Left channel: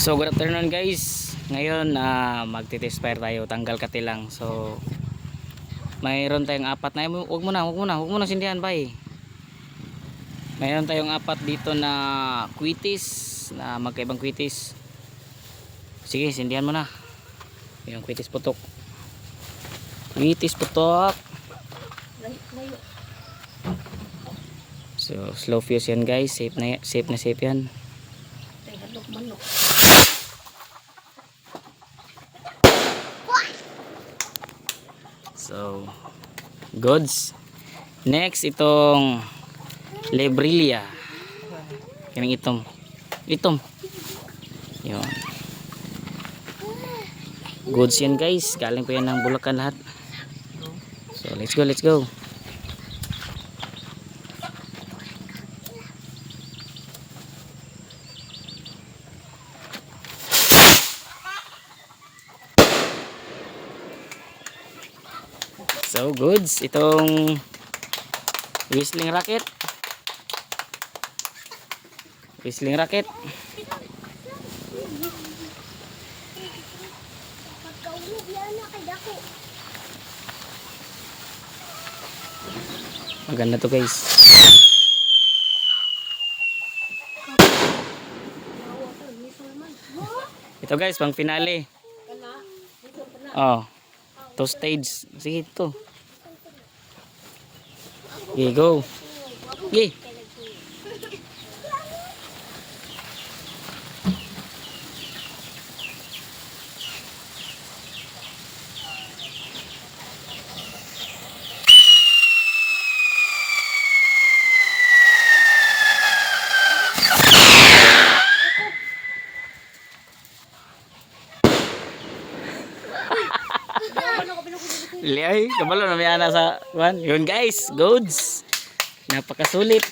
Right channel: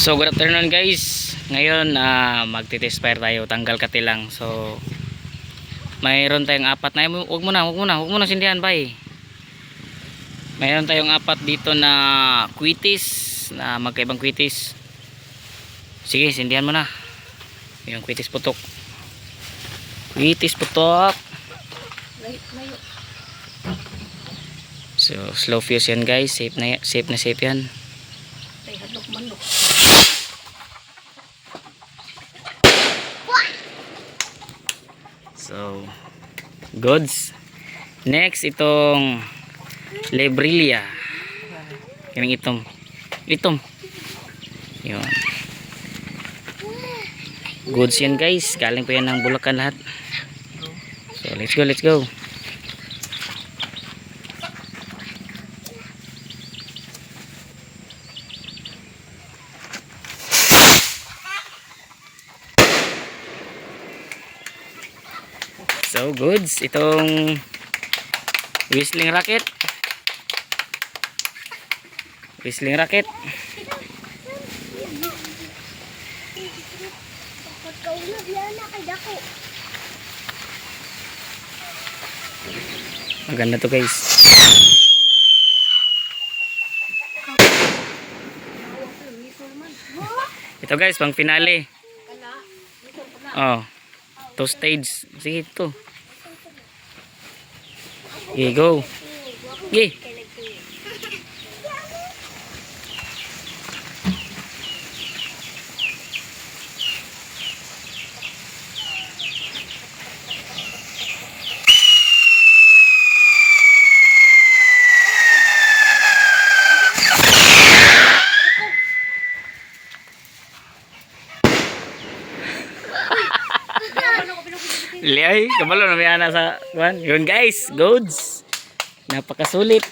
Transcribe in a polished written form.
So good afternoon guys. Ngayon magti-test fire tayo, tanggal katilang. So mayroon tayong apat na, wag mo na sindihan bay. Mayroon tayong apat dito na kwitis, na magkaibang kwitis. Sige, sindihan mo na. Yung kwitis putok. Kwitis putok. So slow fuse yan guys, safe na safe yan. So goods. Next itong Lebrilia. Kaming itom yun. Goods yan guys, galing pa yan ng Bulacan lahat. So let's go. So goods, itong whistling rocket. Maganda to guys. Ito guys, pang finale. Oh, two stage. Sige to. Okay, go. Okay. Liay, kabalo na may ana sa kuan. Yun guys, goods. Napakasulit.